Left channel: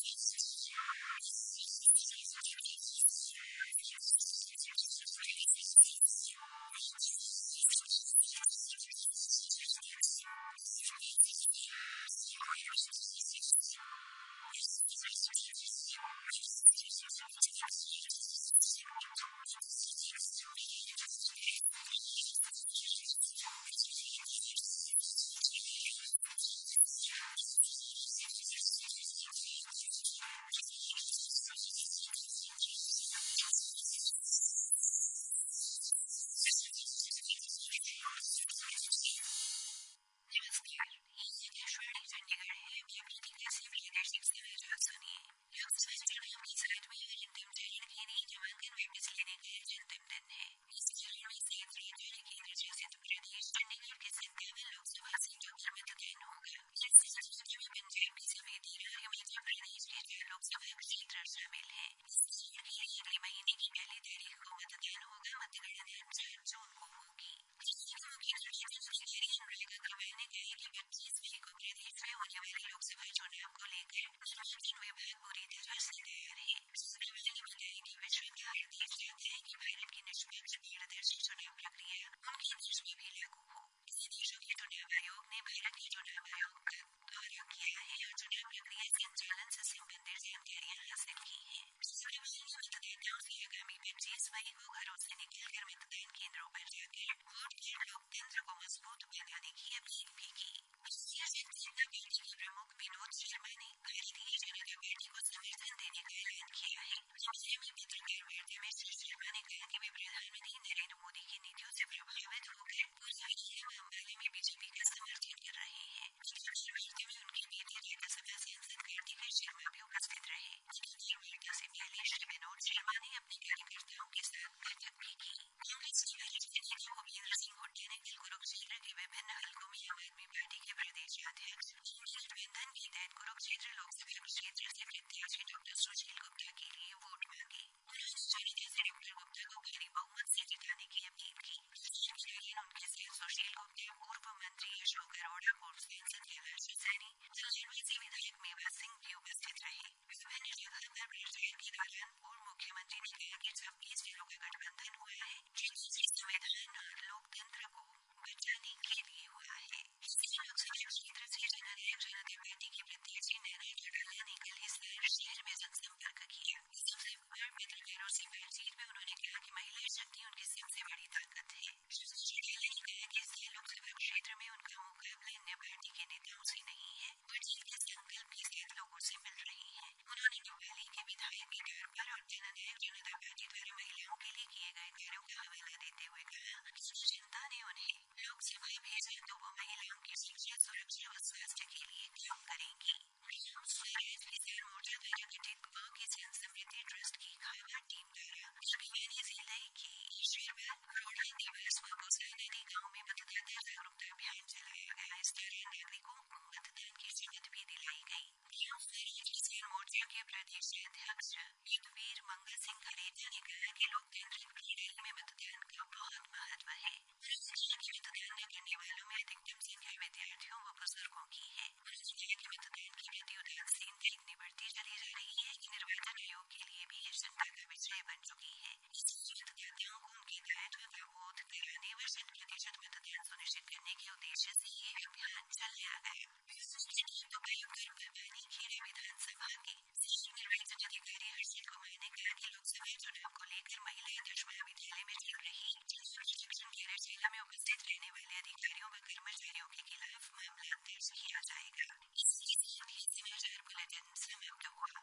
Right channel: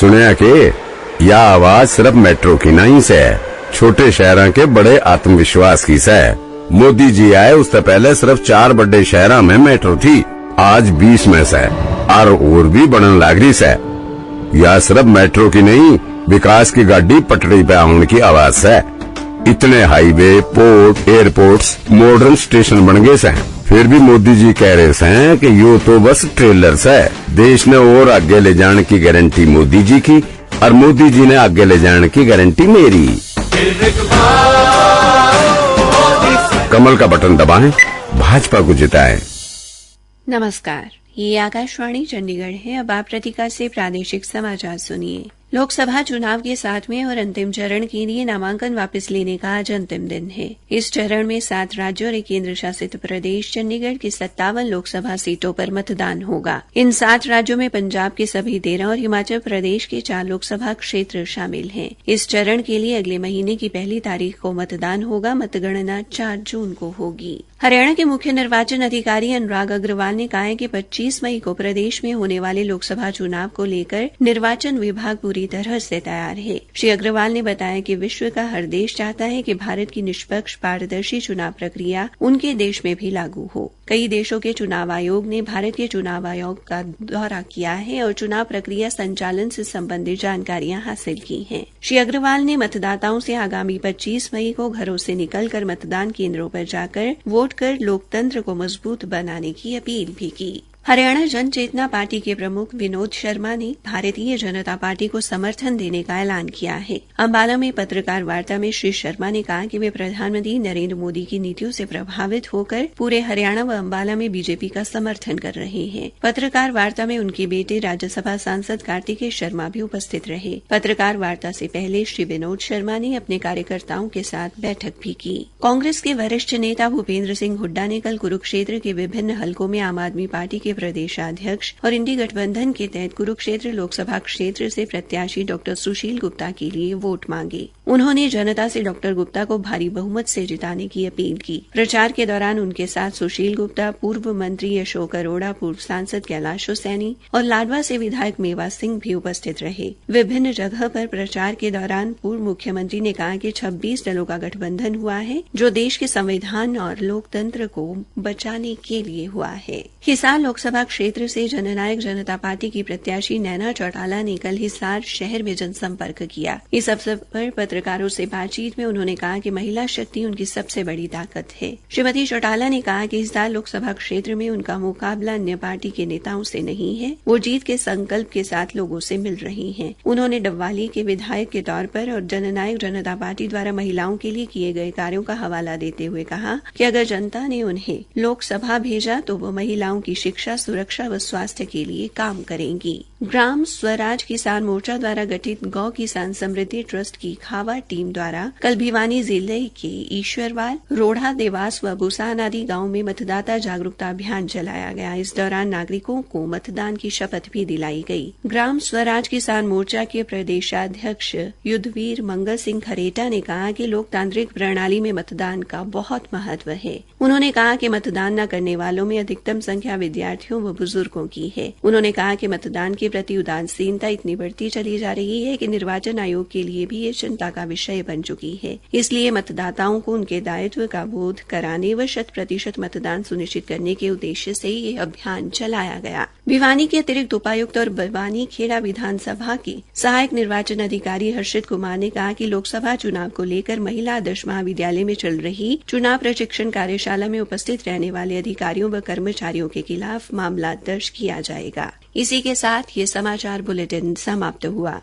सुनिया के यह आवाज सिर्फ मेट्रो की नहीं से, छोटे शहरों के बड़े आत्मविश्वास की से। मोदी जी आए उससे पहले सिर्फ 4 बड़े शहरों में मेट्रो थी, आज 20 में से और भी बनने लगी से। यह सिर्फ मेट्रो की नहीं, विकास की गाड़ी पटरी पे आने की आवाज से। इतने highway, port, airports, modern station बन गए से, फिर भी मोदी जी कह रहे हैं कि यो तो बस ट्रेलर है। देश ने और आगे ले जाने की गारंटी मोदी जी की और मोदी जी ने आगे ले जाने की गारंटी मेरी। कमल का बटन दबाएं, भाजपा को जिताएं। नमस्कार, ये आकाशवाणी चंडीगढ़ है। अब आप प्रतीका से प्रादेशिक समाचार सुनिए। लोकसभा चुनाव के 7वें और अंतिम चरण के लिए नामांकन वापस लेने का आज अंतिम दिन है। इस चरण में 7 राज्यों और एक केंद्र शासित प्रदेश चंडीगढ़ की 57 लोकसभा सीटों पर मतदान होगा। इन 7 राज्यों में पंजाब के सभी 13 और हिमाचल प्रदेश के 4 लोकसभा क्षेत्र शामिल हैं। इस चरण के लिए अगले महीने की 1 तारीख को मतदान होगा। मतगणना 4 जून को होगी। हरियाणा के मुख्य निर्वाचन अधिकारी अनुराग अग्रवाल ने कहा है कि 25 मई को प्रदेश में होने वाले लोकसभा चुनाव को लेकर निर्वाचन विभाग पूरी तरह से तैयार है। श्री अग्रवाल ने बताया कि विश्व का हर देश चाहता है कि भारत की निष्पक्ष पारदर्शी चुनाव प्रक्रिया उनके देश में भी लागू हो। कई देशों के चुनाव आयोग ने भारत के चुनाव आयोग का दौरा किया है और चुनाव प्रक्रिया संचालन से संबंधित जानकारियां हासिल की हैं। श्री अग्रवाल ने मतदाताओं से आगामी 25 मई को घरों से निकलकर मतदान केंद्रों पर जाकर वोट कर लोकतंत्र को मजबूत बनाने की अपील भी की। हरियाणा जन चेतना पार्टी के प्रमुख विनोद शर्मा ने भारतीय जनता पार्टी को समर्थन देने का ऐलान किया है। अंबाला में पत्रकार वार्ता में श्री शर्मा ने कहा कि वे प्रधानमंत्री नरेंद्र मोदी की नीतियों से प्रभावित होकर पूरे हरियाणा व अंबाला में बीजेपी का समर्थन कर रहे हैं। पत्रकार वार्ता में उनके बेटे राज्यसभा सांसद कार्तिकेय शर्मा भी उपस्थित रहे। पत्रकार वार्ता से पहले श्री विनोद शर्मा ने अपने कार्यकर्ताओं के साथ बैठक भी की। कांग्रेस के वरिष्ठ नेता भूपेंद्र सिंह हुड्डा ने कल कुरुक्षेत्र के विभिन्न हलकों में आम आदमी पार्टी के प्रदेशाध्यक्ष और इंडी गठबंधन के तहत कुरुक्षेत्र लोकसभा क्षेत्र से प्रत्याशी डॉक्टर सुशील गुप्ता के लिए वोट मांगे। उन्होंने जनता से डॉक्टर गुप्ता को भारी बहुमत से जिताने की अपील की। प्रचार के दौरान उनके साथ सुशील गुप्ता, पूर्व मंत्री अशोक अरोड़ा, पूर्व सांसद कैलाश हुसैनी और लाडवा से विधायक मेवा सिंह भी उपस्थित रहे। विभिन्न जगह पर प्रचार के दौरान पूर्व मुख्यमंत्री ने कहा कि 26 दलों का गठबंधन हुआ है जो देश के संविधान और लोकतंत्र को बचाने के लिए हुआ है। हिसार लोकसभा क्षेत्र से जननायक जनता पार्टी की प्रत्याशी नैना चौटाला ने कल हिसार शहर में जनसंपर्क किया। इस अवसर पर पत्रकारों से बातचीत में उन्होंने कहा कि महिला शक्ति उनकी सबसे बड़ी ताकत है। श्रीमती चौटाला ने कहा कि हिसार लोकसभा क्षेत्र में उनका मुकाबला अन्य पार्टी के नेताओं से नहीं है, वो जीत के संकल्प के साथ लोगों से मिल रही हैं। उन्होंने डब्वाली के विधायक के तौर पर और जननायक जनता पार्टी द्वारा महिलाओं के लिए किए गए कार्यों का हवाला देते हुए कहा कि अगर जनता ने उन्हें लोकसभा भेजा तो वो महिलाओं की शिक्षा, सुरक्षा व स्वास्थ्य के लिए काम करेंगी। ग्राम स्वराज किसान मोर्चा द्वारा गठित गौ किसान समृद्धि ट्रस्ट की खावा टीम द्वारा कल भिवानी जिले के ईश्वरवाल, रोढ़ा, देवास व बुसान आदि गांव में मतदाता जागरूकता अभियान चलाया गया। इस दौरान नागरिकों को मतदान की शपथ भी दिलाई गई। ग्राम स्वराज किसान मोर्चा के प्रदेशाध्यक्ष युद्धवीर मंगल सिंह खरेटा ने कहा कि लोकतांत्रिक प्रणाली में मतदान का बहुत महत्व है। उन्होंने कहा कि मतदान न करने वालों में अधिकतम संख्या विद्यार्थियों व बुजुर्गों की है। उन्होंने कहा कि मतदान के प्रति उदासीनता इतनी बढ़ती चली जा रही है कि निर्वाचन आयोग के लिए भी ये चिंता का विषय बन चुकी है। इसलिए मतदाताओं को उनके दायित्व का बोध कराने व 100% मतदान सुनिश्चित करने के उद्देश्य से ये अभियान चलाया गया। भिवानी के अतिरिक्त उपायुक्त और बरवानी खेड़ा विधानसभा के सहायक निर्वाचन अधिकारी हर्षित कुमार ने कहा कि लोकसभा चुनाव को लेकर महिला आदर्श महाविद्यालय में चल रही चुनाव प्रशिक्षण कार्यशाला में उपस्थित रहने वाले अधिकारियों व कर्मचारियों के खिलाफ मामला दर्ज किया जाएगा। इसी के साथ ये समाचार बुलेटिन समाप्त हुआ।